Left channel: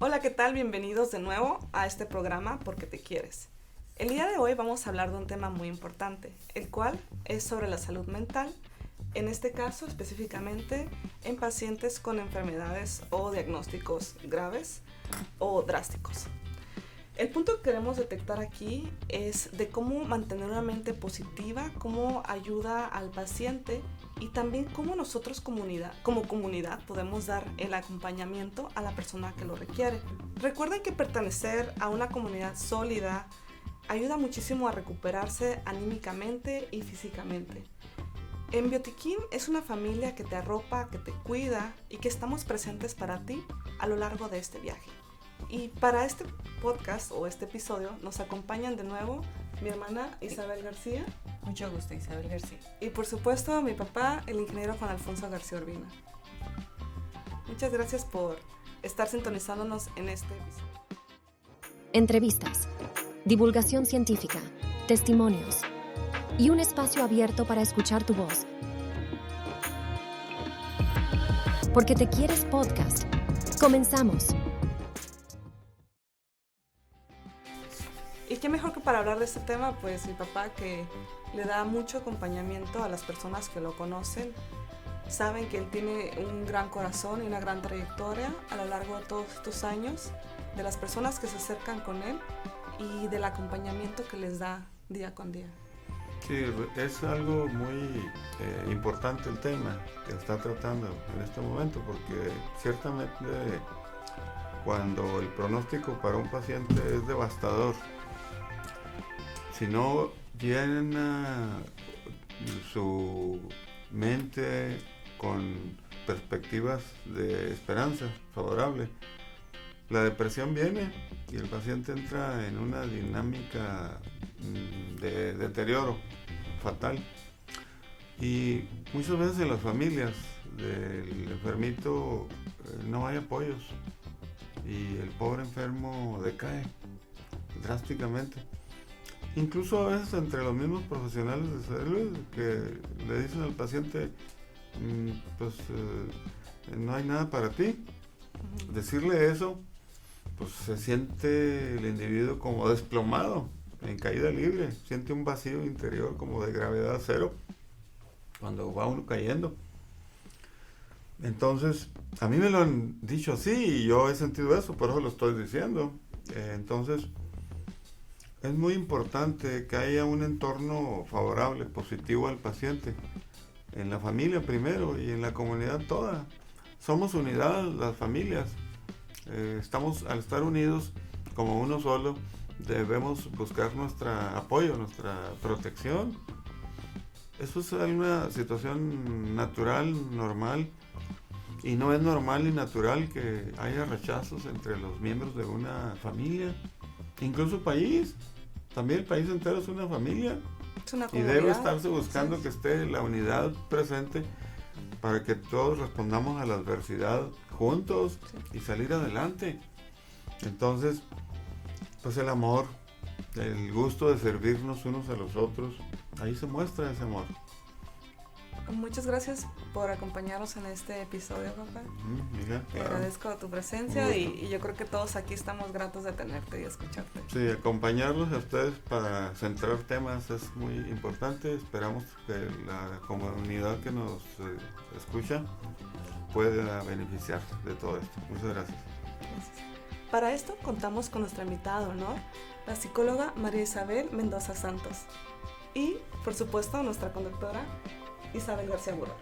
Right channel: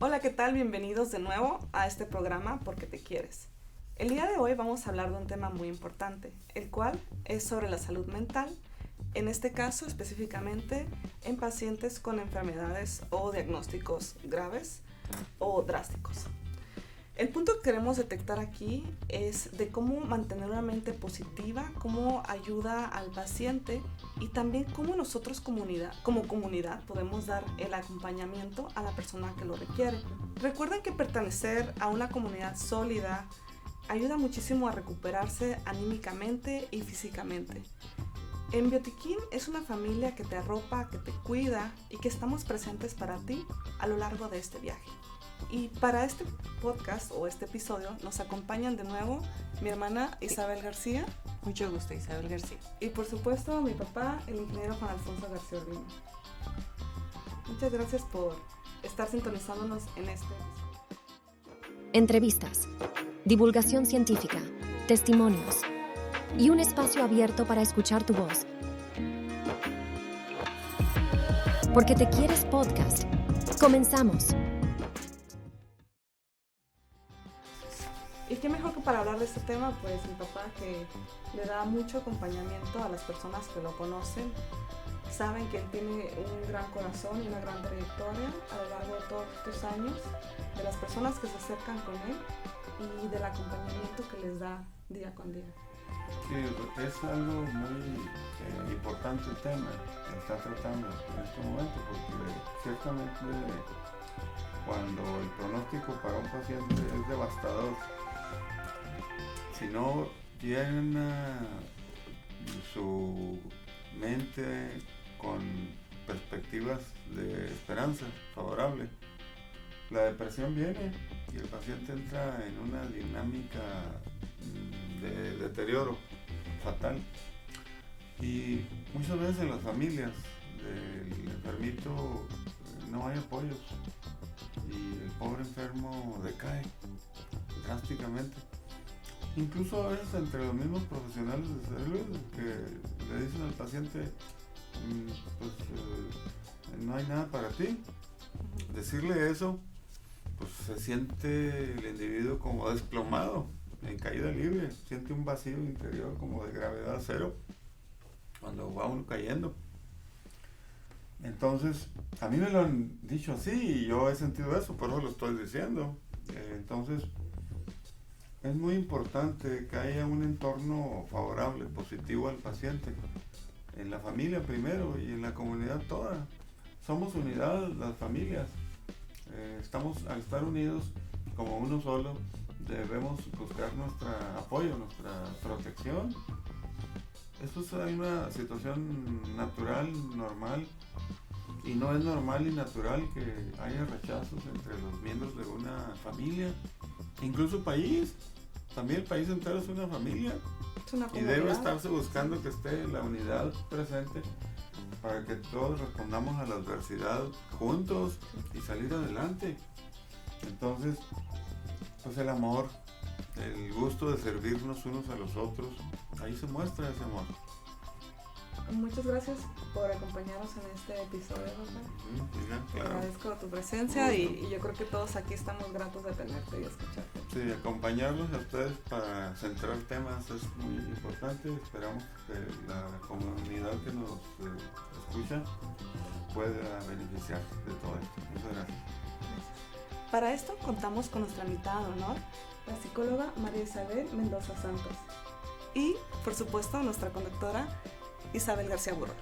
Hola, ¿qué tal? Bienvenidos de nuevo a este programa Porque te quieres. El día de hoy vamos a hablar de un tema muy importante, el cual es sobre la salud mental, en este caso específicamente en pacientes con enfermedades o diagnósticos graves o drásticos. El punto que queremos detectar aquí es de cómo mantener una mente positiva, cómo ayuda al paciente y también cómo nosotros como comunidad podemos dar el acompañamiento a la persona que lo requiere. Recuerden que pertenecer a una comunidad sólida ayuda muchísimo a recuperarse anímicamente y físicamente. En Biotiquín es una familia que te arropa, que te cuida y que estamos presentes para ti a lo largo de este viaje. Y para este podcast o este episodio nos acompañan de nuevo mi hermana Isabel García. Mucho gusto, Isabel García. Y por supuesto mi papá, el ingeniero Juan Alfonso García Urbina. Muchas gracias por estar sintonizándonos en este episodio. Entrevistas, divulgación científica, testimonios y un espacio abierto para escuchar tu voz. Porque te quieres podcast. Comenzamos. Y qué mejor que para hablar de este tema, pues mi papá, que le da mucho acompañamiento a las personas que lo conocen. Saben que él tiene un gran corazón y una gran trayectoria a lo largo de todos estos años, de las personas que se acercan con él y del acompañamiento que les da día con día. Sí, es algo muy importante el tema que está tratando en este momento, porque ciertamente cuando el pronóstico para un paciente es devastador, si no llena su mente con perspectivas de esperanza favorable, la depresión viene y el paciente entra en una dinámica de deterioro fatal. Y muchas veces en las familias del enfermito no hay apoyos y el pobre enfermo decae drásticamente. Incluso a veces entre los mismos profesionales de salud que le dicen al paciente, no hay nada para ti. Decirle eso, pues se siente el individuo como desplomado, en caída libre, siente un vacío interior como de gravedad cero cuando va uno cayendo. Entonces, a mí me lo han dicho así y yo he sentido eso, por eso lo estoy diciendo. Entonces, es muy importante que haya un entorno favorable, positivo al paciente, en la familia primero y en la comunidad toda. Somos unidad, las familias. Al estar unidos como uno solo, debemos buscar nuestro apoyo, nuestra protección. Eso es una situación natural, normal, y no es normal y natural que haya rechazos entre los miembros de una familia, incluso país. También el país entero es una familia. Es una y comunidad. debe estarse buscando que esté la unidad presente para que todos respondamos a la adversidad juntos y salir adelante. Entonces, pues el amor, el gusto de servirnos unos a los otros, ahí se muestra ese amor. Muchas gracias por acompañarnos en este episodio, papá. Te agradezco tu presencia y yo creo que todos aquí estamos gratos de tenerte y escucharte. Sí, acompañarlos a ustedes para centrar temas es muy importante. Esperamos que la comunidad que nos escucha pueda beneficiar de todo esto. Muchas gracias. Para esto contamos con nuestra invitada de honor, la psicóloga María Isabel Mendoza Santos y, por supuesto, nuestra conductora Isabel García Burro.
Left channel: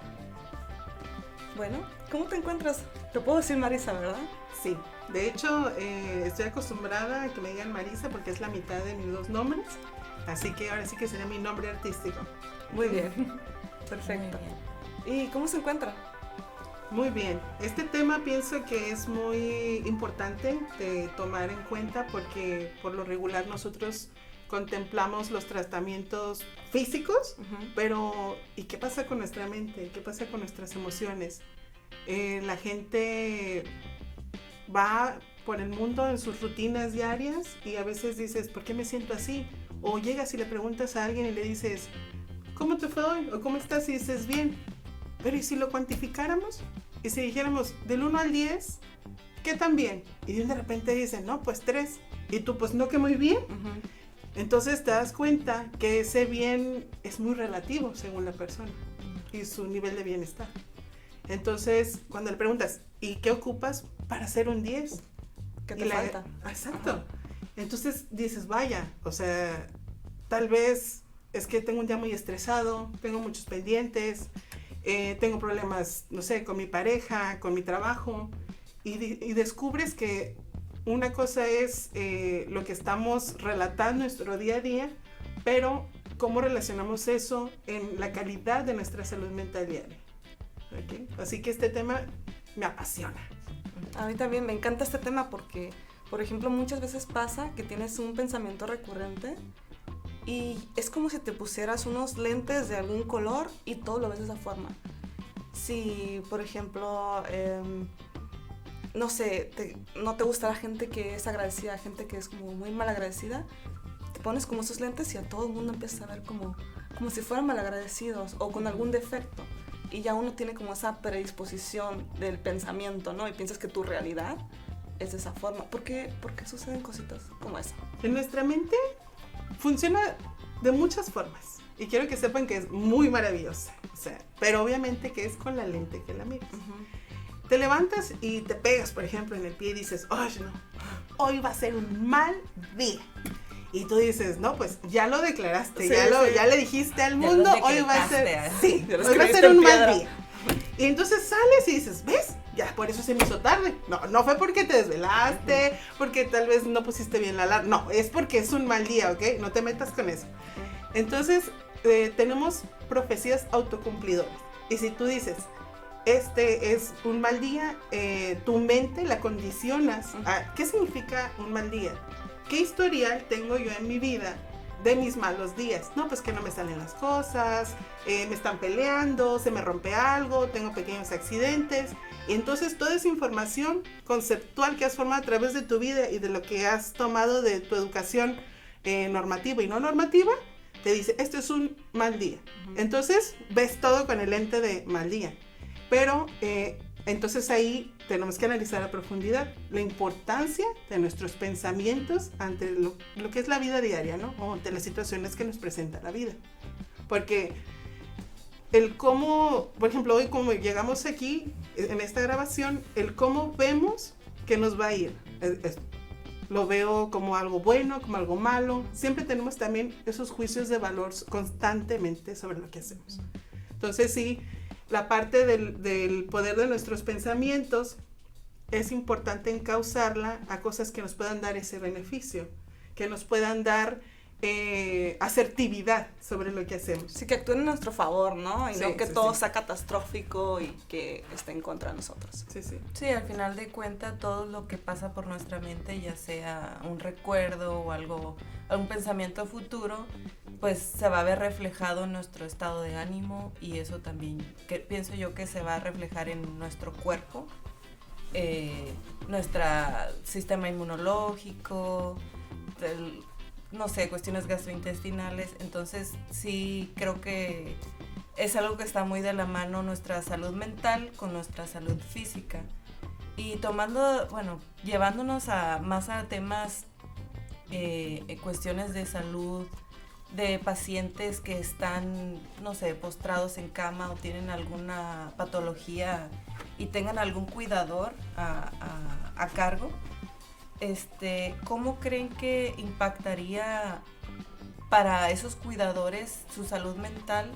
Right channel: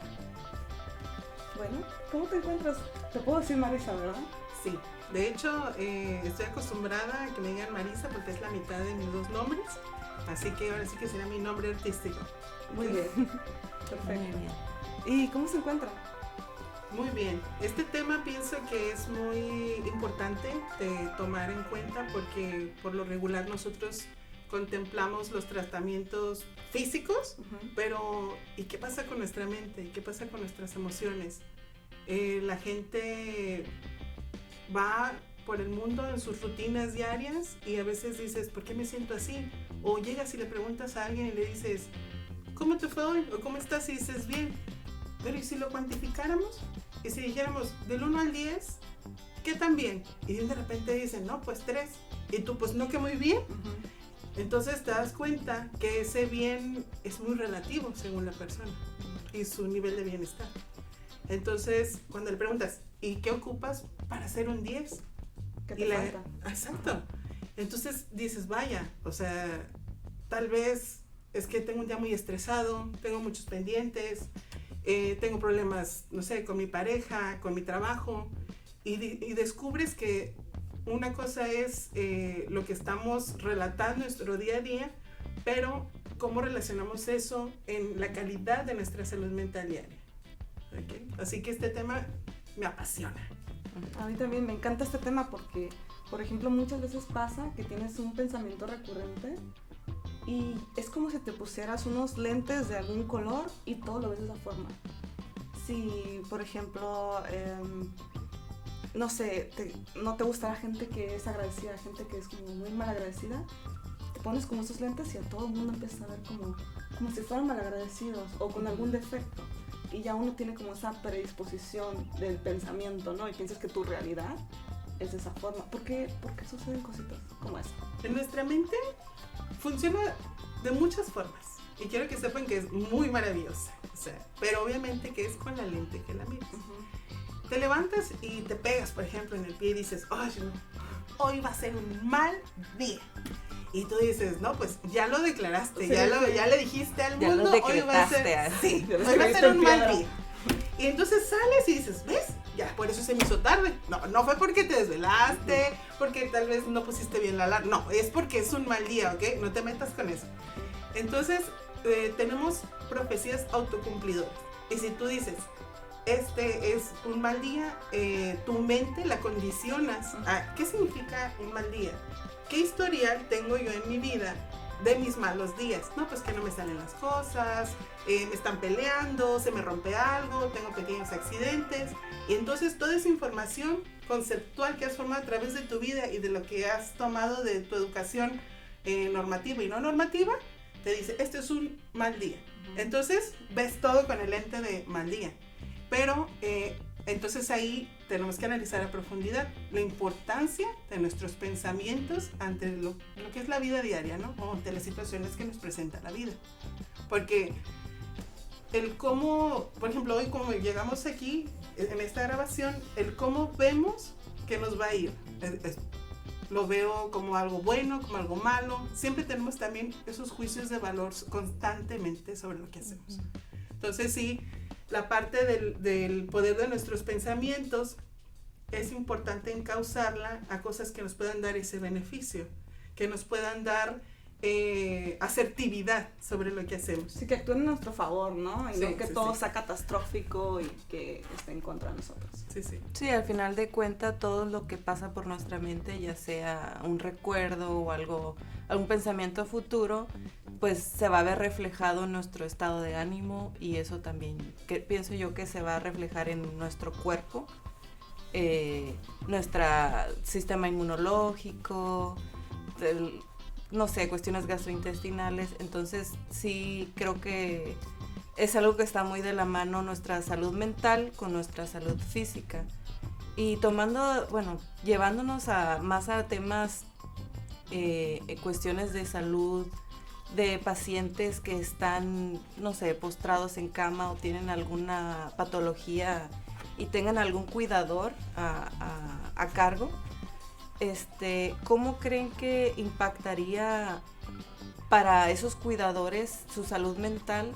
Bueno, ¿cómo te encuentras? Te puedo decir Marisa, ¿verdad? Sí, de hecho estoy acostumbrada a que me digan Marisa porque es la mitad de mis dos nombres, así que ahora sí que será mi nombre artístico. Muy bien, perfecto. ¿Y cómo se encuentra? Muy bien, este tema pienso que es muy importante de tomar en cuenta porque por lo regular nosotros contemplamos los tratamientos físicos, pero ¿y qué pasa con nuestra mente? ¿Qué pasa con nuestras emociones? La gente va por el mundo en sus rutinas diarias y a veces dices, ¿por qué me siento así? O llegas y le preguntas a alguien y le dices, ¿cómo te fue hoy? ¿O cómo estás? Y dices, bien. Pero ¿y si lo cuantificáramos? Y si dijéramos, del 1 al 10, ¿qué tan bien? Y de repente dicen, no, pues 3. Y tú, pues no, que muy bien. Entonces te das cuenta que ese bien es muy relativo según la persona y su nivel de bienestar. Entonces, cuando le preguntas, ¿y qué ocupas para ser un 10? ¿Qué te falta? Exacto. Ajá. Entonces dices, vaya, o sea, tal vez es que tengo un día muy estresado, tengo muchos pendientes, tengo problemas, no sé, con mi pareja, con mi trabajo, y descubres que una cosa es lo que estamos relatando en nuestro día a día, pero cómo relacionamos eso en la calidad de nuestra salud mental diaria. ¿Okay? Así que este tema me apasiona. A mí también me encanta este tema porque, por ejemplo, muchas veces pasa que tienes un pensamiento recurrente y es como si te pusieras unos lentes de algún color y todo lo ves de esa forma. Si, por ejemplo, no sé, no te gusta la gente que es agradecida, gente que es como muy malagradecida, te pones como esos lentes y a todo el mundo empiezas a ver como si fueran malagradecidos o con algún defecto. Y ya uno tiene como esa predisposición del pensamiento, ¿no? Y piensas que tu realidad es de esa forma. ¿Por qué suceden cositas como esa? En nuestra mente funciona de muchas formas. Y quiero que sepan que es muy maravillosa. O sea, pero obviamente que es con la lente que la miras. Te levantas y te pegas, por ejemplo, en el pie y dices, ¡ay, no! Hoy va a ser un mal día. Y tú dices, no, pues ya lo declaraste, Sí, ya le dijiste al mundo, hoy va a ser, hoy va a ser un mal día. Y entonces sales y dices, ¿ves? Ya, por eso se me hizo tarde. No fue porque te desvelaste, porque tal vez no pusiste bien la alarma. No, es porque es un mal día, ¿ok? No te metas con eso. Entonces, tenemos profecías autocumplidoras. Y si tú dices, este es un mal día, tu mente la condicionas a, ¿qué significa un mal día? ¿Qué historial tengo yo en mi vida de mis malos días? No, pues que no me salen las cosas, me están peleando, se me rompe algo, tengo pequeños accidentes. Entonces toda esa información conceptual que has formado a través de tu vida y de lo que has tomado de tu educación normativa y no normativa, te dice, este es un mal día. Entonces ves todo con el lente de mal día. Pero entonces ahí tenemos que analizar a profundidad la importancia de nuestros pensamientos ante lo que es la vida diaria, ¿no? O ante las situaciones que nos presenta la vida. Porque el cómo, por ejemplo, hoy como llegamos aquí en esta grabación, el cómo vemos que nos va a ir. Lo veo como algo bueno, como algo malo. Siempre tenemos también esos juicios de valor constantemente sobre lo que hacemos. Entonces sí, la parte del poder de nuestros pensamientos es importante encauzarla a cosas que nos puedan dar ese beneficio, que nos puedan dar asertividad sobre lo que hacemos. Sí, que actúen en nuestro favor, ¿no? Y Sí, no que sí, todo sí. sea catastrófico y que esté en contra de nosotros. Sí, sí. Sí, al final de cuentas todo lo que pasa por nuestra mente, ya sea un recuerdo o algún pensamiento futuro, pues se va a ver reflejado en nuestro estado de ánimo y eso también, que pienso yo que se va a reflejar en nuestro cuerpo, nuestro sistema inmunológico, no sé, cuestiones gastrointestinales. Entonces sí creo que es algo que está muy de la mano nuestra salud mental con nuestra salud física. Y llevándonos más a temas, cuestiones de salud, de pacientes que están, no sé, postrados en cama o tienen alguna patología y tengan algún cuidador a cargo. ¿Cómo creen que impactaría para esos cuidadores su salud mental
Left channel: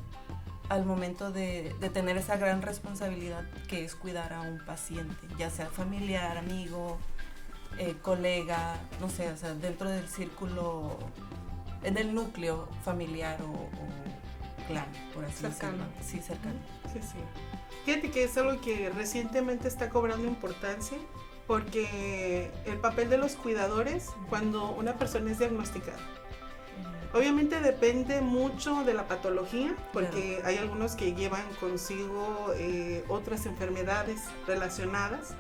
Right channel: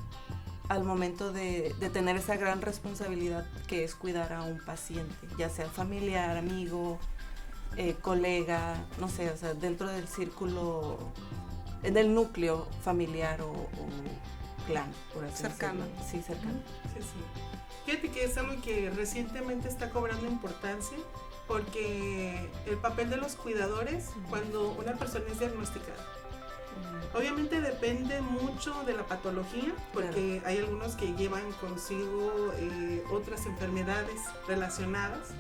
al momento de tener esa gran responsabilidad que es cuidar a un paciente, ya sea familiar, amigo, colega, no sé, o sea, dentro del círculo, del núcleo familiar o clan, por así Cercano. decirlo? Sí, cercano. Sí, sí. Fíjate que es algo que recientemente está cobrando importancia porque el papel de los cuidadores cuando una persona es diagnosticada. Obviamente depende mucho de la patología, porque Claro. hay algunos que llevan consigo otras enfermedades relacionadas.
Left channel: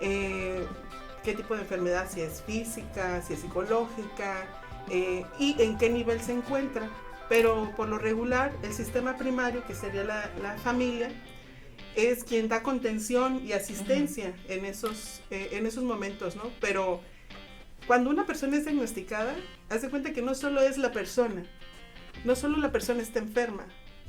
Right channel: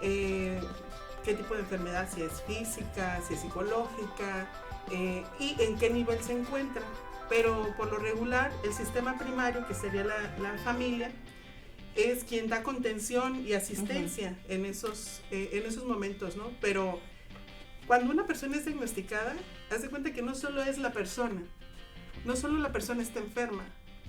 ¿Qué tipo de enfermedad? Si es física, si es psicológica, y en qué nivel se encuentra. Pero por lo regular, el sistema primario, que sería la familia, es quien da contención y asistencia en esos momentos, ¿no? Pero cuando una persona es diagnosticada, haz de cuenta que no solo es la persona, no solo la persona está enferma,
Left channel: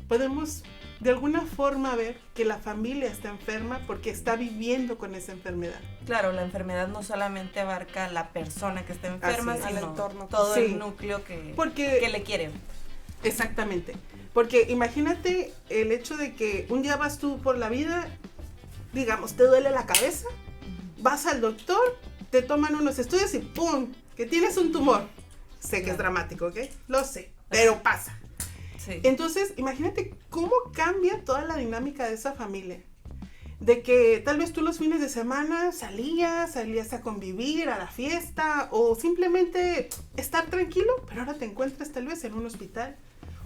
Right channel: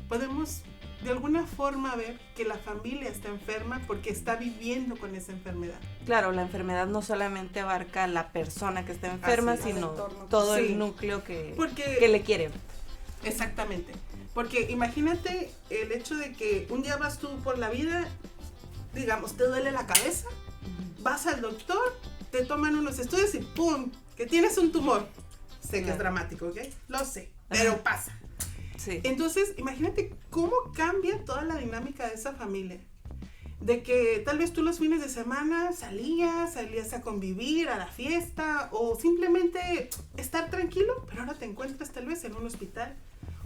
podemos de alguna forma ver que la familia está enferma porque está viviendo con esa enfermedad. Claro, la enfermedad no solamente abarca a la persona que está enferma, Así es. sino Al entorno. todo Sí. el núcleo que le quiere. Exactamente, porque imagínate el hecho de que un día vas tú por la vida, digamos, te duele la cabeza, vas al doctor, te toman unos estudios y ¡pum!, que tienes un tumor. Sé que es dramático, ¿ok? Lo sé, pero pasa. Sí. Entonces, imagínate cómo cambia toda la dinámica de esa familia. De que tal vez tú los fines de semana salías a convivir, a la fiesta, o simplemente estar tranquilo, pero ahora te encuentras tal vez en un hospital,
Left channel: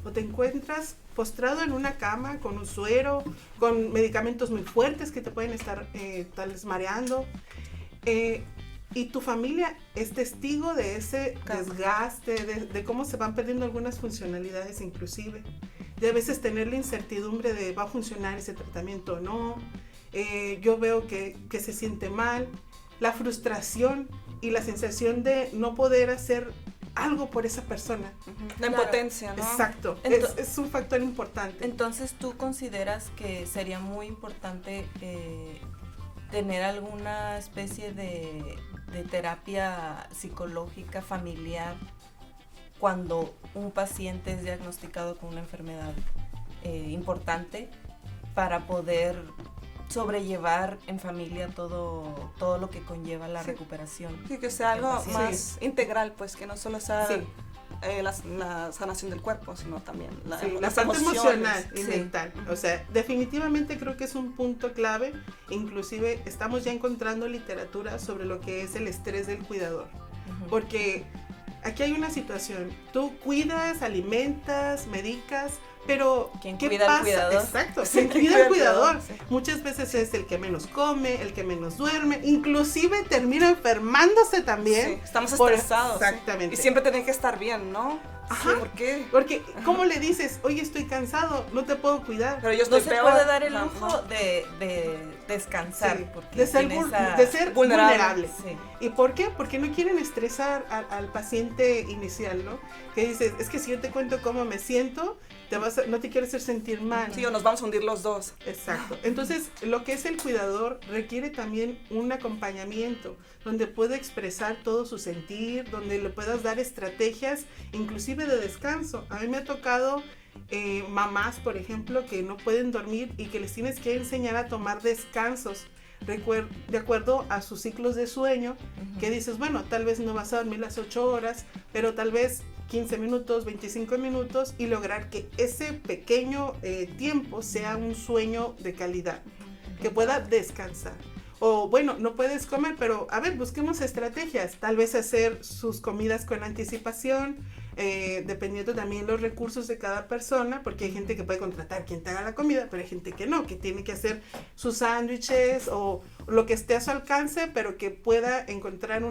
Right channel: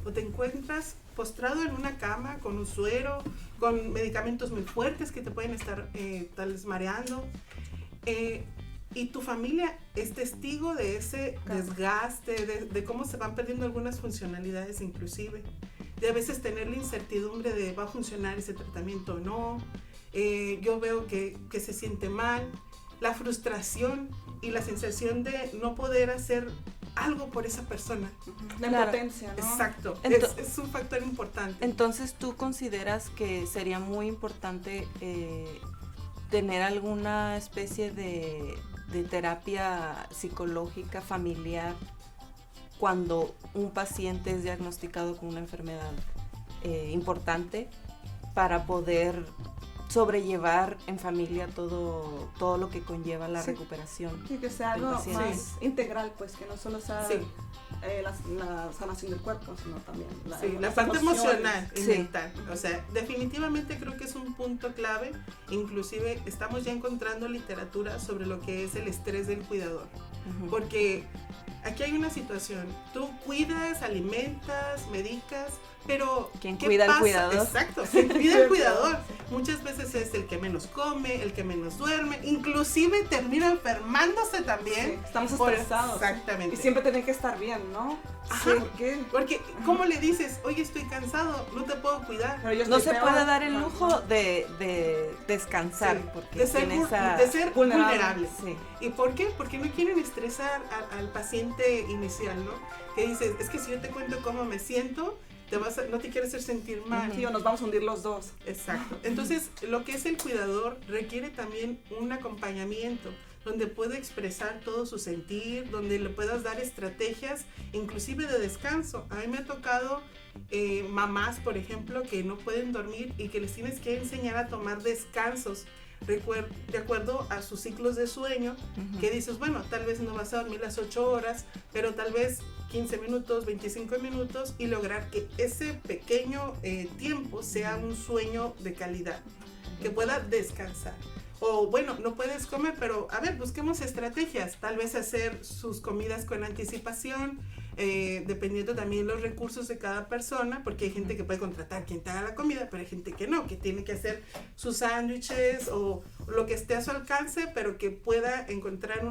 o te encuentras postrado en una cama con un suero, con medicamentos muy fuertes que te pueden estar tal vez mareando. Y tu familia es testigo de ese desgaste, de cómo se van perdiendo algunas funcionalidades inclusive. De a veces tener la incertidumbre de va a funcionar ese tratamiento o no. Yo veo que se siente mal. La frustración y la sensación de no poder hacer algo por esa persona. La impotencia, ¿no? Exacto. Es un factor importante. Entonces, ¿tú consideras que sería muy importante tener alguna especie de terapia psicológica familiar cuando un paciente es diagnosticado con una enfermedad importante para poder sobrellevar en familia todo lo que conlleva la recuperación? Sí, que sea algo Sí. más integral, pues, que no solo sea Sí. la sanación del cuerpo, sino también La las parte emociones. emocional y Sí. mental. O sea, definitivamente creo que es un punto clave. Inclusive estamos ya encontrando literatura sobre lo que es el estrés del cuidador. Porque aquí hay una situación. Tú cuidas, alimentas, medicas, pero ¿Quién ¿qué cuida al pasa? cuidador? Exacto, ¿quién cuida al cuidador? Muchas veces es el que menos come, el que menos duerme, inclusive termina enfermándose también. Sí, estamos por- estresados. ¿sí? Exactamente. Y siempre tienen que estar bien, ¿no? Ajá. ¿Por qué? Porque, ¿cómo le dices? Oye, estoy cansado, no te puedo cuidar. Pero yo No estoy se peor. puede dar el No, lujo no. de descansar, Sí, porque de ser, tiene esa... de ser vulnerable. Sí. ¿Y por qué? Porque no quieren estresar al paciente inicial, ¿no? Que dices, es que si yo te cuento cómo me siento, no te quiero hacer sentir mal. Sí, o nos vamos a hundir los dos. Exacto. Entonces, lo que es el cuidador requiere también un acompañamiento, donde puede expresar todo su sentir, donde le puedas dar estrategias, inclusive de descanso. A mí me ha tocado mamás, por ejemplo, que no pueden dormir y que les tienes que enseñar a tomar descansos de acuerdo a sus ciclos de sueño, que dices, bueno, tal vez no vas a dormir las 8 horas, pero tal vez 15 minutos, 25 minutos y lograr que ese pequeño tiempo sea un sueño de calidad, que pueda descansar. O bueno, no puedes comer, pero a ver, busquemos estrategias, tal vez hacer sus comidas con anticipación, dependiendo también los recursos de cada persona, porque hay gente que puede contratar quien te haga la comida, pero hay gente que no, que tiene que hacer sus sándwiches o lo que esté a su alcance, pero que pueda encontrar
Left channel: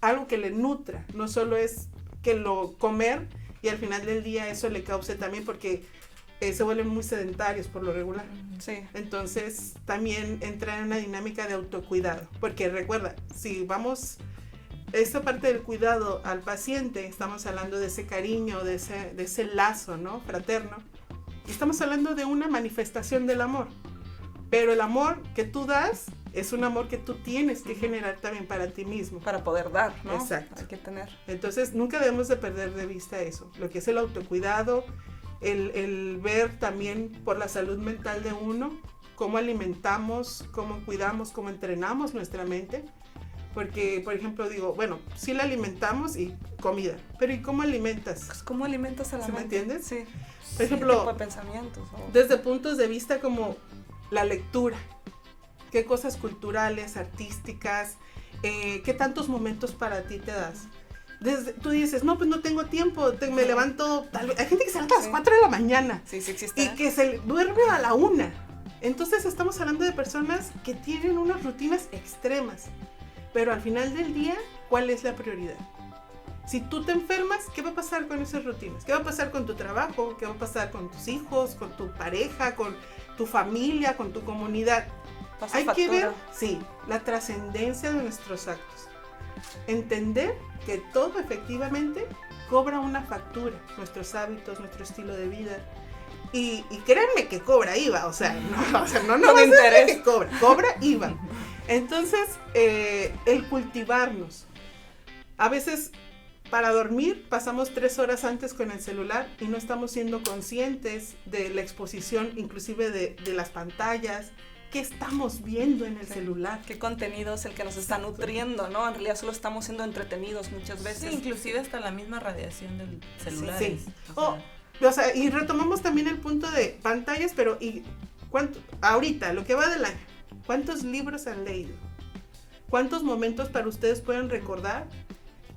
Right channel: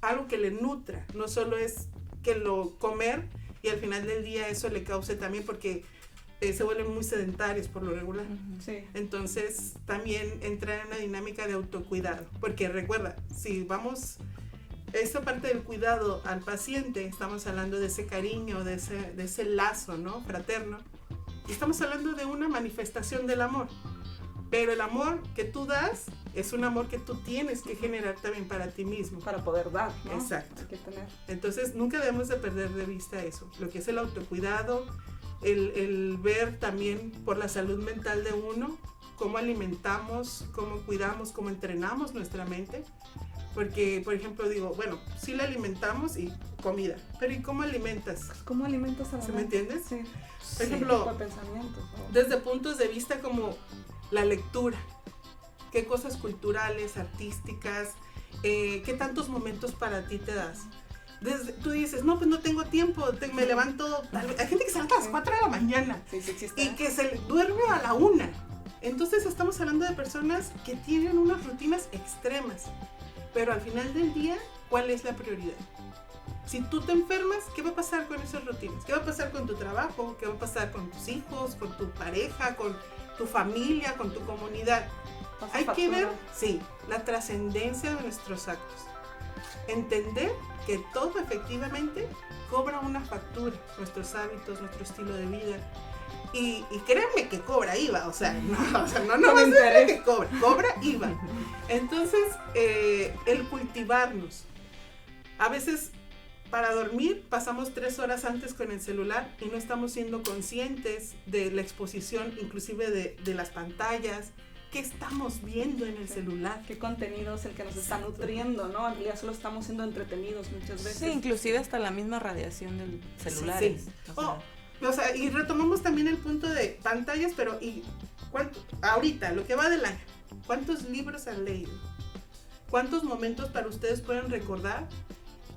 algo que le nutra, no solo es que lo comer y al final del día eso le cause también, porque se vuelven muy sedentarios por lo regular. Sí. Entonces también entra en una dinámica de autocuidado, porque recuerda, si vamos esta parte del cuidado al paciente, estamos hablando de ese cariño, de ese lazo, ¿no?, fraterno, estamos hablando de una manifestación del amor, pero el amor que tú das es un amor que tú tienes que generar también para ti mismo. Para poder dar, ¿no? Exacto. Hay que tener. Entonces nunca debemos de perder de vista eso, lo que es el autocuidado, el ver también por la salud mental de uno, cómo alimentamos, cómo cuidamos, cómo entrenamos nuestra mente. Porque, por ejemplo, digo, bueno, sí la alimentamos y comida, pero ¿y cómo alimentas? Pues, ¿cómo alimentas a la ¿Sí me mente? entiendes? Sí. Por ejemplo, ¿Qué tipo de pensamientos? ¿No? Desde puntos de vista como la lectura, qué cosas culturales, artísticas, qué tantos momentos para ti te das. Tú dices, no, pues no tengo tiempo, me levanto, hay gente que se levanta a las 4 de la mañana Sí, existe. y que se duerme a la 1. Entonces estamos hablando de personas que tienen unas rutinas extremas, pero al final del día, ¿cuál es la prioridad? Si tú te enfermas, ¿qué va a pasar con esas rutinas? ¿Qué va a pasar con tu trabajo? ¿Qué va a pasar con tus hijos, con tu pareja, con tu familia, con tu comunidad. Pasa Hay factura. que ver, sí, la trascendencia de nuestros actos. Entender que todo efectivamente cobra una factura, nuestros hábitos, nuestro estilo de vida. Y créanme que cobra IVA, o sea, no Con va a ser interés. que cobra IVA. Entonces, el cultivarnos. A veces para dormir pasamos 3 horas antes con el celular y no estamos siendo conscientes de la exposición, inclusive de las pantallas. ¿Qué estamos viendo en el celular? ¿Qué contenido es el que nos está nutriendo, no? En realidad solo estamos siendo entretenidos muchas veces. Sí, inclusive hasta la misma radiación del celular. Sí. O sea, y retomamos también el punto de pantallas, pero ahorita, lo que va del año, ¿cuántos libros han leído? ¿Cuántos momentos para ustedes pueden recordar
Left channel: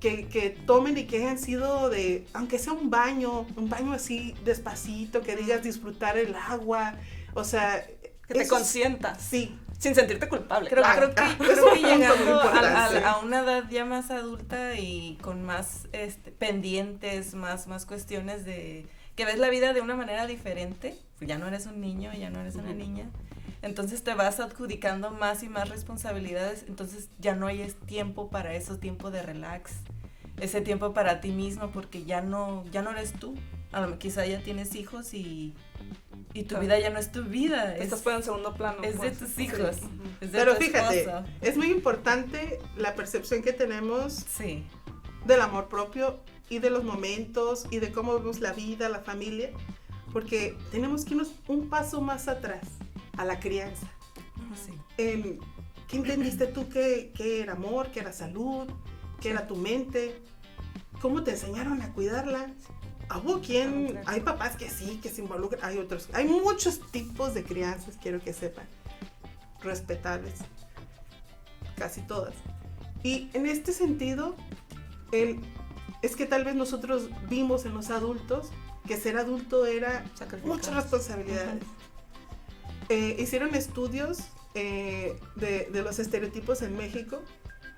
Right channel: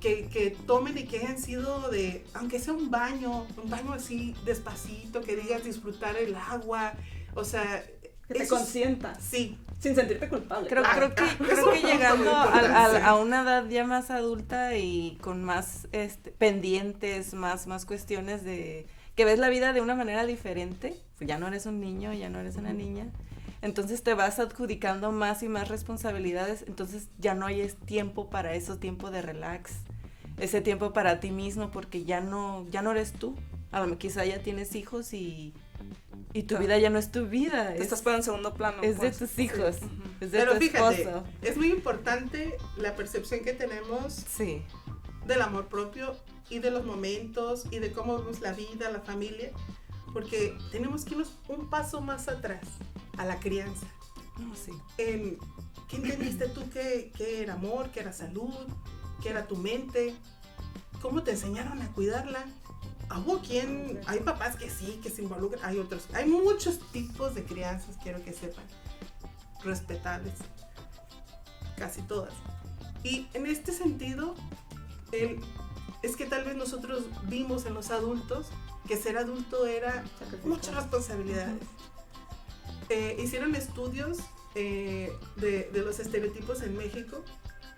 que tomen y que hayan sido aunque sea un baño así despacito, que digas disfrutar el agua, o sea... Que te consientas. Sí. Sin sentirte culpable. Creo Claro, que es un punto llegando muy importante. a una edad ya más adulta y con más pendientes, más cuestiones de que ves la vida de una manera diferente, ya no eres un niño, ya no eres una niña, entonces te vas adjudicando más y más responsabilidades, entonces ya no hay tiempo para eso, tiempo de relax, ese tiempo para ti mismo, porque ya no eres tú. A lo mejor quizá ya tienes hijos y tu vida ya no es tu vida. Te estás poniendo en segundo plano. Es de tus hijos, es de Pero tu fíjate, esposo. es muy importante la percepción que tenemos Sí. del amor propio y de los momentos y de cómo vemos la vida, la familia, porque tenemos que irnos un paso más atrás, a la crianza. Sí. ¿Qué entendiste tú que era amor, que era salud, que era tu mente? ¿Cómo te enseñaron a cuidarla? ¿Hubo quién? Hay papás que sí, que se involucran, hay otros. Hay muchos tipos de crianzas, quiero que sepan. Respetables. Casi todas. Y en este sentido, es que tal vez nosotros vimos en los adultos que ser adulto era muchas responsabilidades. Hicieron estudios de los estereotipos en México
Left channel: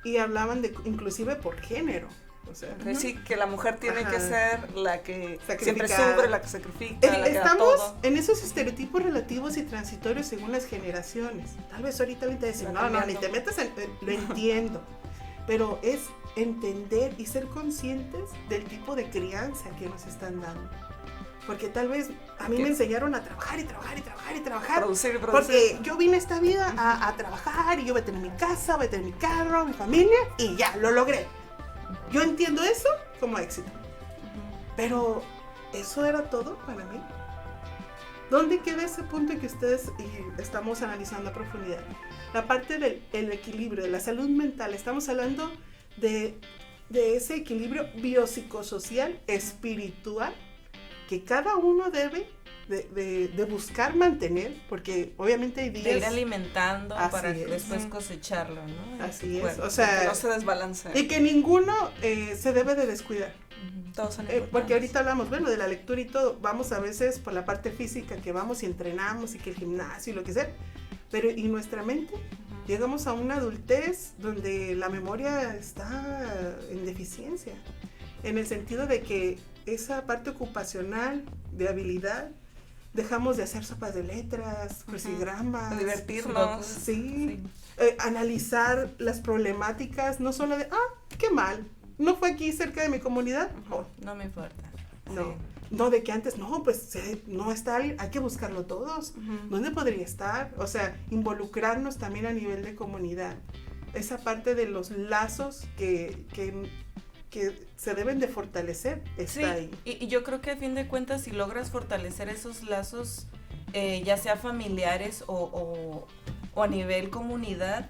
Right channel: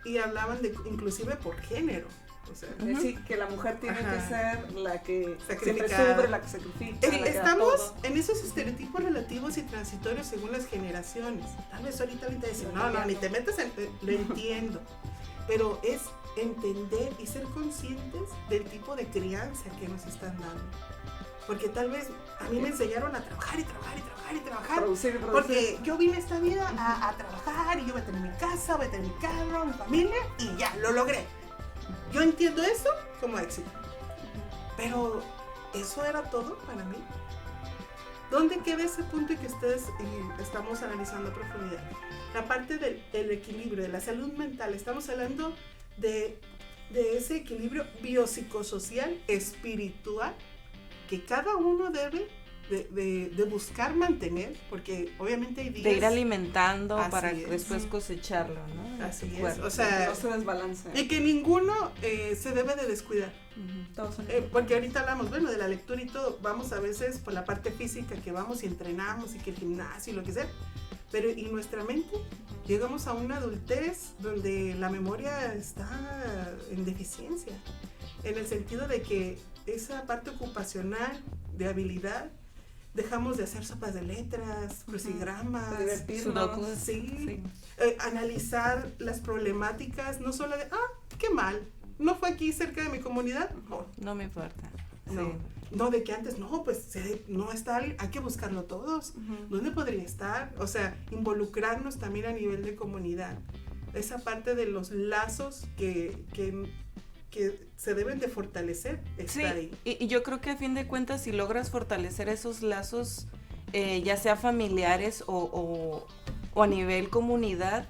y hablaban de inclusive por género. O sea, Sí, que la mujer tiene que ser la que siempre Sacrificada. sufre, la que sacrifica, la que da estamos todo. en esos estereotipos relativos y transitorios según las generaciones. Tal vez ahorita te decimos, no, ni te metas en... Lo entiendo. Pero es entender y ser conscientes del tipo de crianza que nos están dando. Porque tal vez a mí me enseñaron a trabajar y trabajar y trabajar y trabajar. Producir y producir. Porque yo vine a esta vida a trabajar y yo voy a tener mi casa, voy a tener mi carro, mi familia y ya, lo logré. Yo entiendo eso como éxito. Pero eso era todo para mí. ¿Dónde queda ese punto en que ustedes estamos analizando a profundidad? La parte del equilibrio, de la salud mental. Estamos hablando de ese equilibrio biopsicosocial, espiritual, que cada uno debe de buscar mantener, porque obviamente hay días... De ir alimentando Así para es. después cosecharlo, ¿no? Así es, Bueno, o sea... Que no se desbalancea. Y que ninguno se debe de descuidar. Todos son Porque importantes. ahorita hablamos, bueno, de la lectura y todo, vamos a veces por la parte física que vamos y entrenamos y que el gimnasio y lo que sea, pero ¿y nuestra mente? Llegamos a una adultez donde la memoria está en deficiencia, en el sentido de que esa parte ocupacional de habilidad, dejamos de hacer sopas de letras, crucigramas, De divertirnos. sí. Analizar las problemáticas, no solo de, qué mal, no fue aquí cerca de mi comunidad, No me importa. no, Sí. no, de que antes, no, pues no está, hay que buscarlo todos. ¿Dónde podría estar? O sea, involucrarnos también a nivel de comunidad. Esa parte de los lazos que se deben de fortalecer está ahí. Y yo creo que a fin de cuentas, si logras fortalecer esos lazos, ya sea familiares o a nivel comunidad,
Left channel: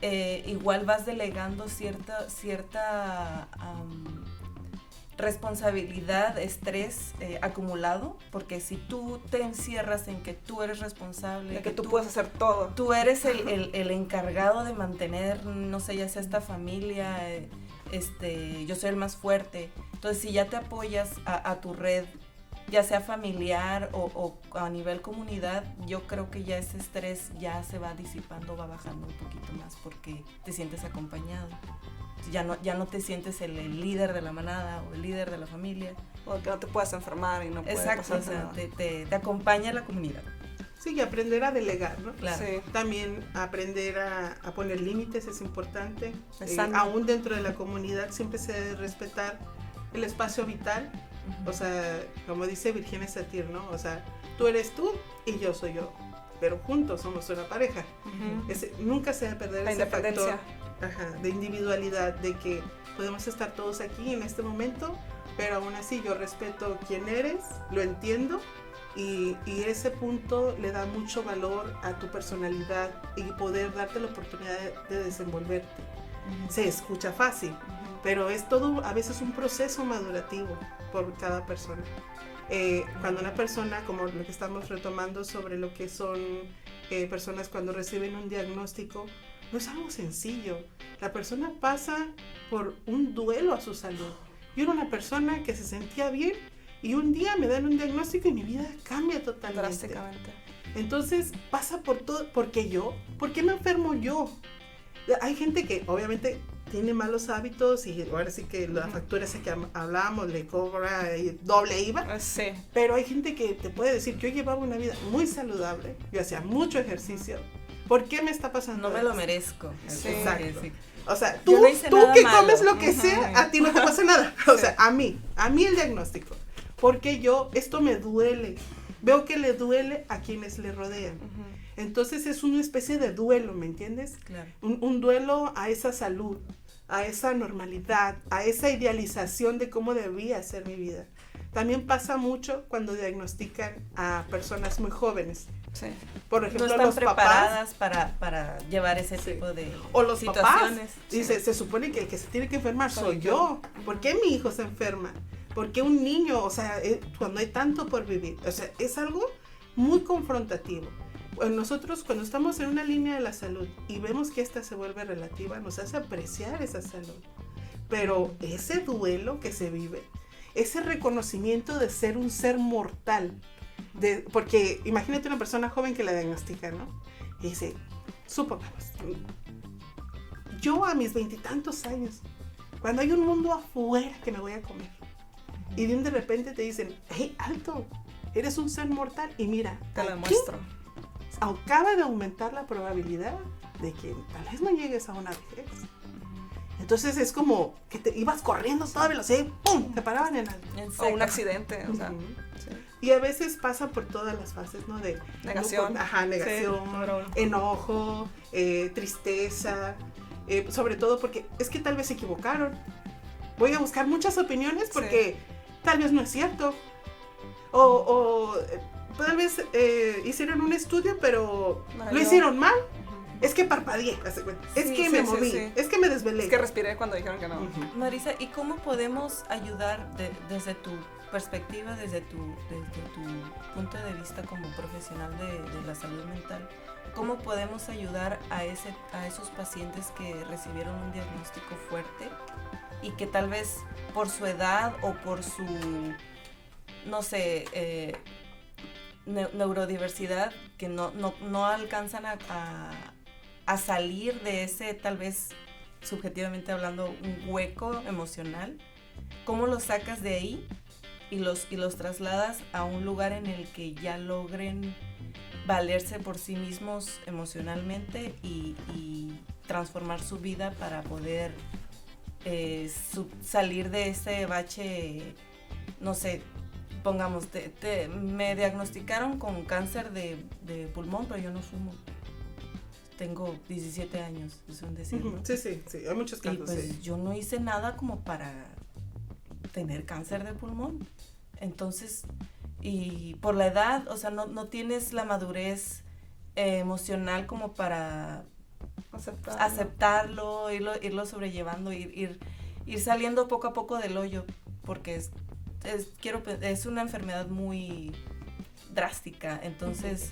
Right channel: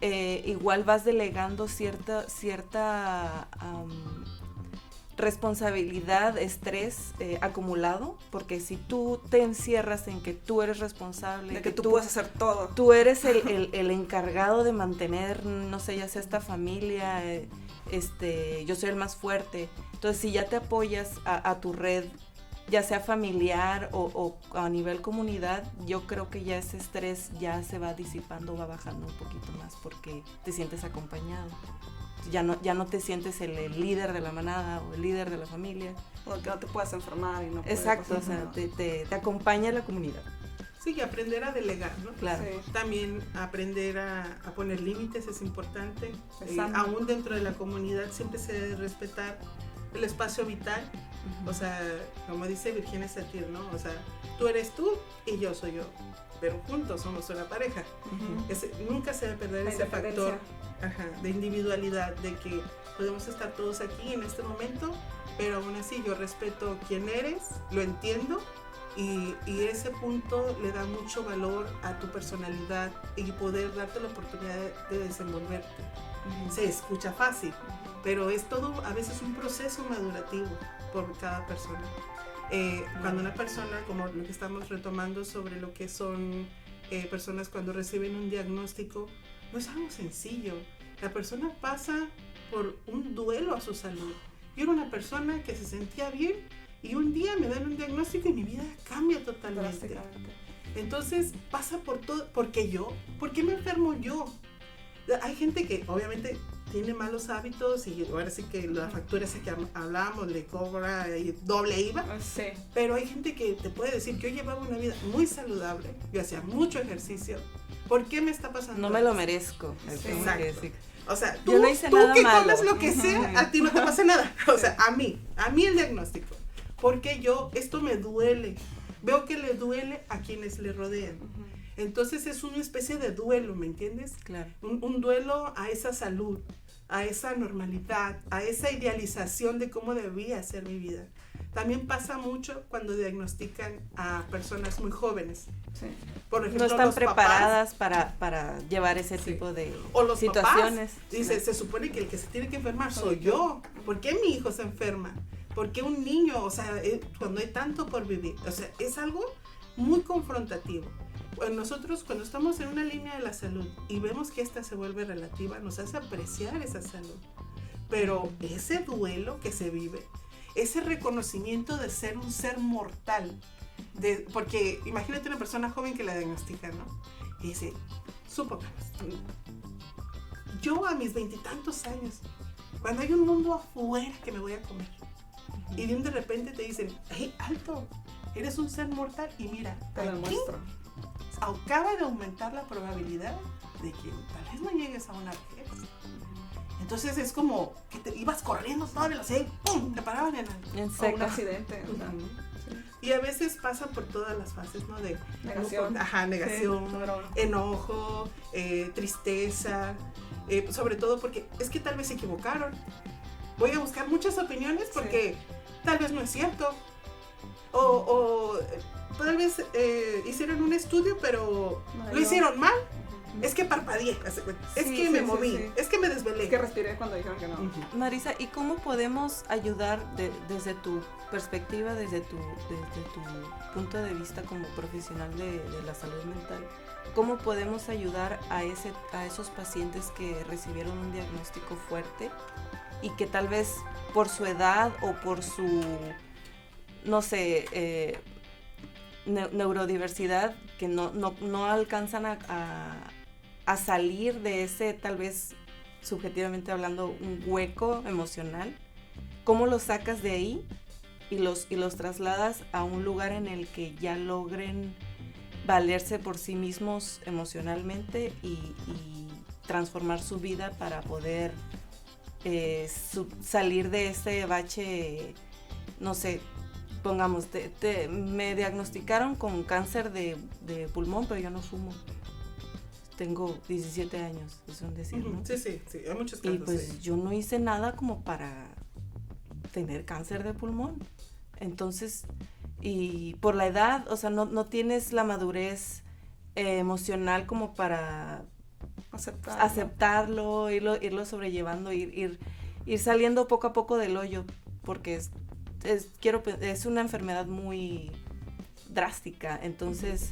igual vas delegando cierta responsabilidad, estrés acumulado, porque si tú te encierras en que tú eres responsable, De que tú puedes hacer todo. tú eres el encargado de mantener, no sé, ya sea esta familia, yo soy el más fuerte, entonces si ya te apoyas a tu red, ya sea familiar o a nivel comunidad, yo creo que ya ese estrés ya se va disipando, va bajando un poquito más porque te sientes acompañado. Ya no te sientes el líder de la manada o el líder de la familia. Porque no te puedas enfermar y no puedes Exacto, pasar o sea, nada. te acompaña la comunidad. Sí, y aprender a delegar, ¿no? Claro. Sí. También aprender a poner límites es importante. Es sano. Aún dentro de la comunidad siempre se debe respetar el espacio vital. O sea, como dice Virginia Satir, ¿no? O sea, tú eres tú y yo soy yo. Pero juntos somos una pareja. Ujú. Nunca se debe perder La ese factor independencia. de individualidad, de que podemos estar todos aquí en este momento, pero aún así yo respeto quién eres, lo entiendo. Y ese punto le da mucho valor a tu personalidad y poder darte la oportunidad de desenvolverte. Se escucha fácil, pero es todo a veces un proceso madurativo por cada persona. Cuando una persona, como lo que estamos retomando sobre lo que son personas cuando reciben un diagnóstico, no es algo sencillo. La persona pasa por un duelo a su salud. Yo era una persona que se sentía bien y un día me dan un diagnóstico y mi vida cambia totalmente. Drásticamente. Entonces pasa por todo, ¿por qué me enfermo yo? Hay gente que obviamente tiene malos hábitos y ahora sí que la factura esa que hablamos le cobra doble IVA, Sí. pero hay gente que te puede decir que yo llevaba una vida muy saludable, yo hacía mucho ejercicio, ¿por qué me está pasando No me esto? lo merezco. Sí. Exacto. Sí. O sea, Yo tú no hice que nada comes malo. lo que sea, a ti no te pasa nada. O sea, a mí el diagnóstico. Porque esto me duele. Veo que le duele a quienes le rodean. Ujú. Entonces es una especie de duelo, ¿me entiendes? Claro. Un duelo a esa salud, a esa normalidad, a esa idealización de cómo debía ser mi vida. También pasa mucho cuando diagnostican a personas muy jóvenes. Sí. Por No ejemplo, están los papás preparadas para llevar ese Sí. tipo de o los papás. situaciones. Dice, se supone que el que se tiene que enfermar Soy soy yo. ¿Por qué mi hijo se enferma? ¿Por qué un niño? O sea, cuando hay tanto por vivir. O sea, es algo muy confrontativo. Nosotros cuando estamos en una línea de la salud y vemos que esta se vuelve relativa, nos hace apreciar esa salud. Pero ese duelo que se vive, ese reconocimiento de ser un ser mortal, porque imagínate una persona joven que la diagnostica, ¿no? Y dice, supongamos, yo a mis 20 y tantos años, cuando hay un mundo afuera que me voy a comer, y de repente te dicen, hey, alto, eres un ser mortal, y mira, Te lo aquí muestro. acaba de aumentar la probabilidad de que tal vez no llegues a una vejez. Entonces es como que te ibas corriendo a toda velocidad y ¡pum! Te paraban en alto. En O seco. un accidente. O sea, Ujú. sí. Y a veces pasa por todas las fases, ¿no? De Negación. negación, Sí, claro. enojo, tristeza, sobre todo porque es que tal vez se equivocaron. Voy a buscar muchas opiniones porque tal vez no es cierto. O tal vez hicieron un estudio, pero No, lo yo- hicieron mal. Ujú. Es que parpadeé, es Sí, que sí, me sí, moví, sí. es que me desvelé. Es que respiré cuando dijeron que no. Ujú. Marisa, ¿y cómo podemos ayudar desde tu perspectiva, desde tu punto de vista como profesional de la salud mental? ¿Cómo podemos ayudar a esos pacientes que recibieron un diagnóstico fuerte y que tal vez por su edad o por su, no sé, neurodiversidad, que no alcanzan a salir de ese, tal vez subjetivamente hablando, un hueco emocional? ¿Cómo los sacas de ahí y los trasladas a un lugar en el que ya logren valerse por sí mismos emocionalmente y transformar su vida para poder salir de ese bache? No sé, pongamos, me diagnosticaron con cáncer de pulmón, pero yo no fumo. Tengo 17 años, es un decir, ¿no? Sí, hay muchos Y casos. pues sí. yo no hice nada como para tener cáncer de pulmón. Entonces, y por la edad, o sea, no tienes la madurez emocional como para aceptarlo, irlo sobrellevando, ir saliendo poco a poco del hoyo, porque es una enfermedad muy drástica. Entonces,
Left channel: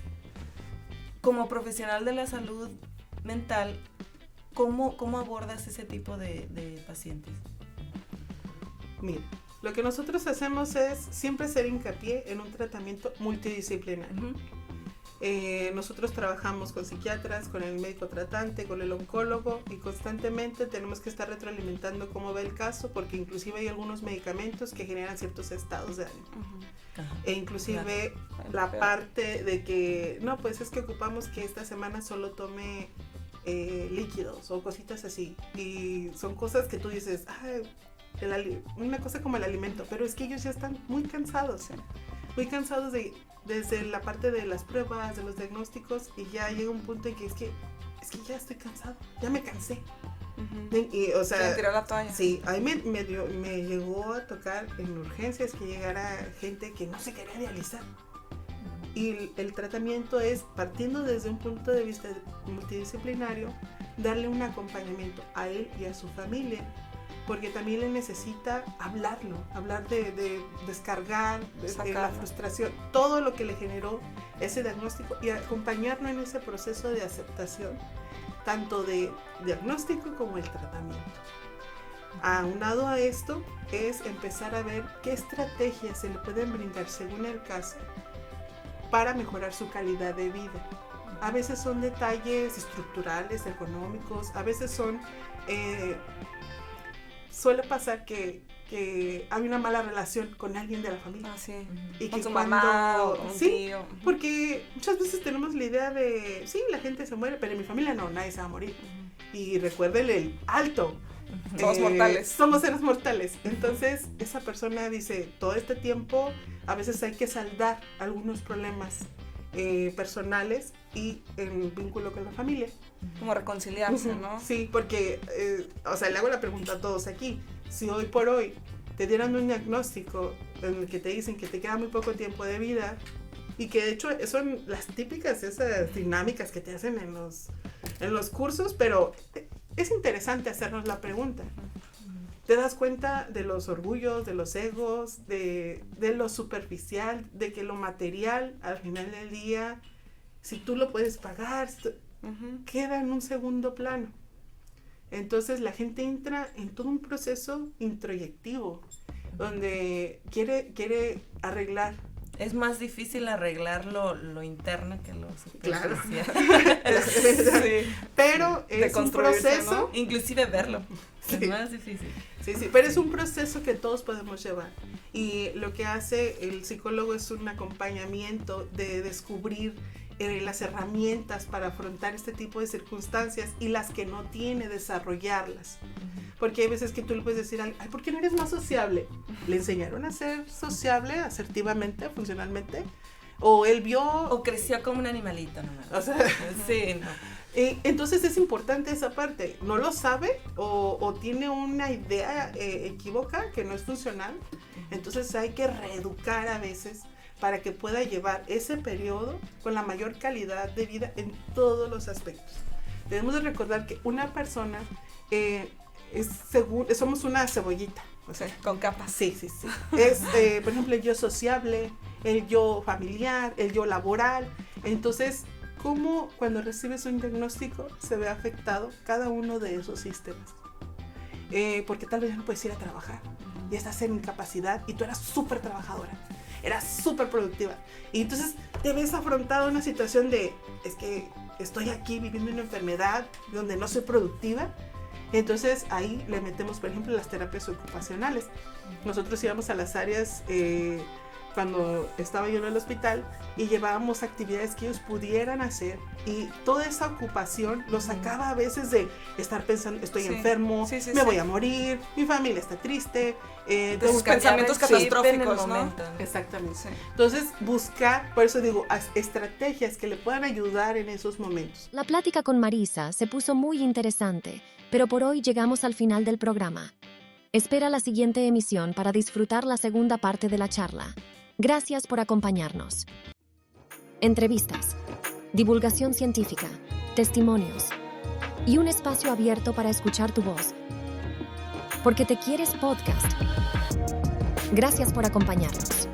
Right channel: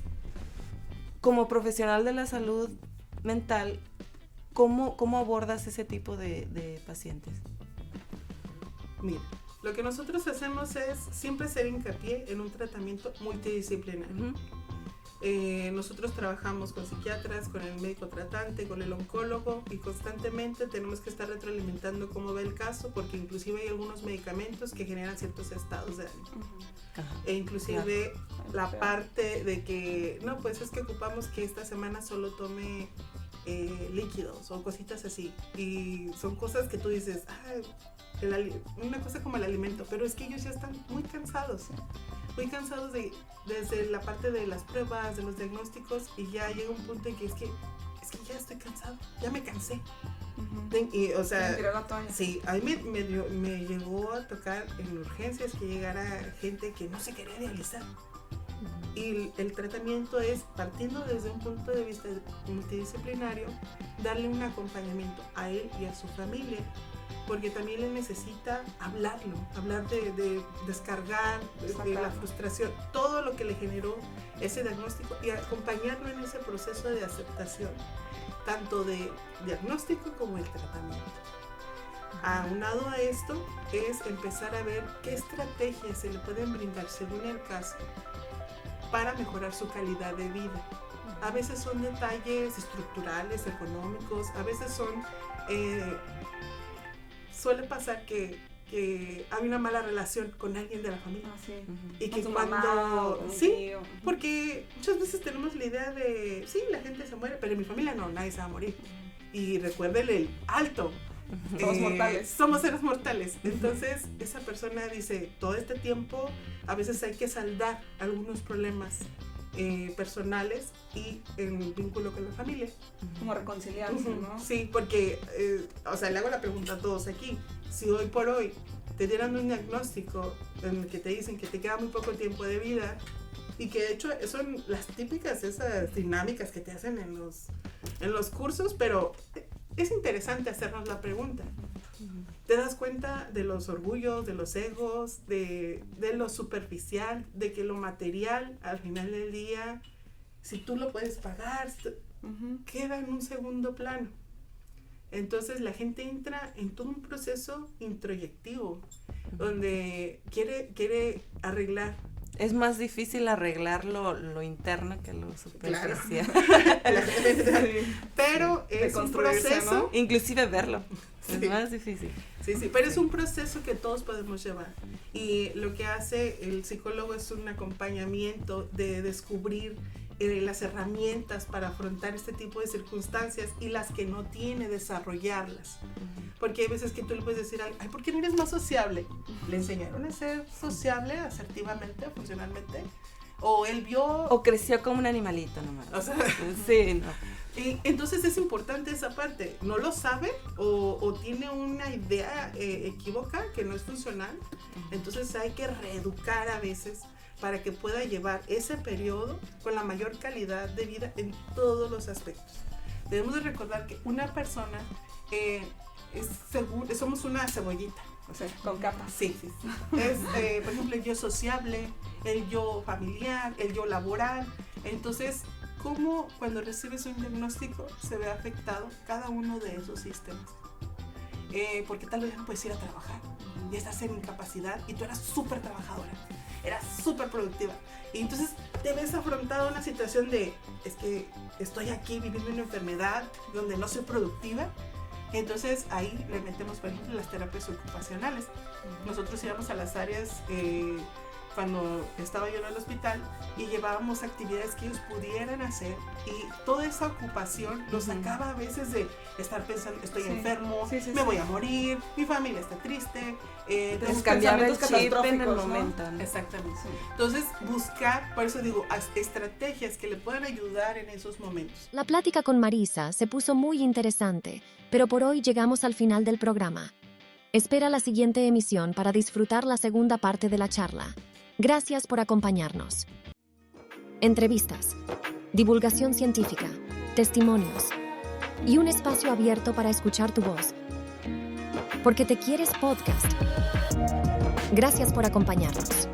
como profesional de la salud mental, ¿cómo abordas ese tipo de pacientes? Mira, lo que nosotros hacemos es siempre hacer hincapié en un tratamiento multidisciplinario. Nosotros trabajamos con psiquiatras, con el médico tratante, con el oncólogo, y constantemente tenemos que estar retroalimentando cómo va el caso, porque inclusive hay algunos medicamentos que generan ciertos estados de ánimo. Ujú. inclusive la parte de que, no, pues es que ocupamos que esta semana solo tome líquidos o cositas así. Y son cosas que tú dices, una cosa como el alimento, pero es que ellos ya están muy cansados desde la parte de las pruebas, de los diagnósticos, y ya llega un punto en que es que ya estoy cansado, ya me cansé. Y, o sea, tiró la toalla. Sí, a mí me llegó a tocar en urgencias que llegara gente que no se quería dializar. Y el tratamiento es, partiendo desde un punto de vista multidisciplinario, darle un acompañamiento a él y a su familia, porque también le necesita hablar de descargar, de la frustración, todo lo que le generó ese diagnóstico, y acompañarlo en ese proceso de aceptación, tanto de diagnóstico como el tratamiento. Aunado a esto, es empezar a ver qué estrategias se le pueden brindar según el caso para mejorar su calidad de vida. A veces son detalles estructurales, económicos, a veces son... suele pasar que hay una mala relación con alguien de la familia. Sí. Y con que su mamá o con un sí, tío. porque muchas veces tenemos la idea de, sí, la gente se muere, pero en mi familia no, nadie se va a morir. Y recuerden el alto. Somos mortales. Somos seres mortales. Entonces, esa persona dice, todo este tiempo, a veces hay que saldar algunos problemas personales y en vínculo con la familia. Como reconciliarse, ¿no? Sí, porque, o sea, le hago la pregunta a todos aquí. Si hoy por hoy te dieran un diagnóstico en el que te dicen que te queda muy poco tiempo de vida, y que de hecho son las típicas esas dinámicas que te hacen en los cursos, pero es interesante hacernos la pregunta. Te das cuenta de los orgullos, de los egos, de lo superficial, de que lo material al final del día, si tú lo puedes pagar, queda en un segundo plano. Entonces la gente entra en todo un proceso introyectivo, donde quiere arreglar. Es más difícil arreglar lo interno que lo superficial. Claro. Sí. Pero de es un proceso, ¿no? Inclusive verlo. Sí. Es más difícil. Sí, pero es un proceso que todos podemos llevar. Y lo que hace el psicólogo es un acompañamiento de descubrir las herramientas para afrontar este tipo de circunstancias, y las que no tiene, desarrollarlas. Porque hay veces que tú le puedes decir, ay, ¿por qué no eres más sociable? Le enseñaron a ser sociable, asertivamente, funcionalmente, o él vio... O creció como un animalito nomás. O sea, sí, no. Entonces es importante esa parte. No lo sabe o tiene una idea equívoca que no es funcional. Entonces hay que reeducar a veces para que pueda llevar ese periodo con la mayor calidad de vida en todos los aspectos. Debemos de recordar que una persona somos una cebollita. O sea, con capas. Sí. Es, por ejemplo, el yo sociable, el yo familiar, el yo laboral. Entonces, ¿cómo cuando recibes un diagnóstico se ve afectado cada uno de esos sistemas? Porque tal vez no puedes ir a trabajar y estás en incapacidad, y tú eras súper trabajadora, eras súper productiva, y entonces te ves afrontado a una situación de, es que estoy aquí viviendo una enfermedad donde no soy productiva. Entonces ahí le metemos, por ejemplo, las terapias ocupacionales. Nosotros íbamos a las áreas cuando estaba yo en el hospital, y llevábamos actividades que ellos pudieran hacer, y toda esa ocupación los sacaba a veces de estar pensando, estoy enfermo, me voy a morir, mi familia está triste, los pensamientos catastróficos, ¿no? Exactamente. Sí. Entonces buscar, por eso digo, estrategias que le puedan ayudar en esos momentos. La plática con Marisa se puso muy interesante, pero por hoy llegamos al final del programa. Espera la siguiente emisión para disfrutar la segunda parte de la charla. Gracias por acompañarnos. Entrevistas, divulgación científica, testimonios y un espacio abierto para escuchar tu voz. Porque te quieres podcast. Gracias por acompañarnos.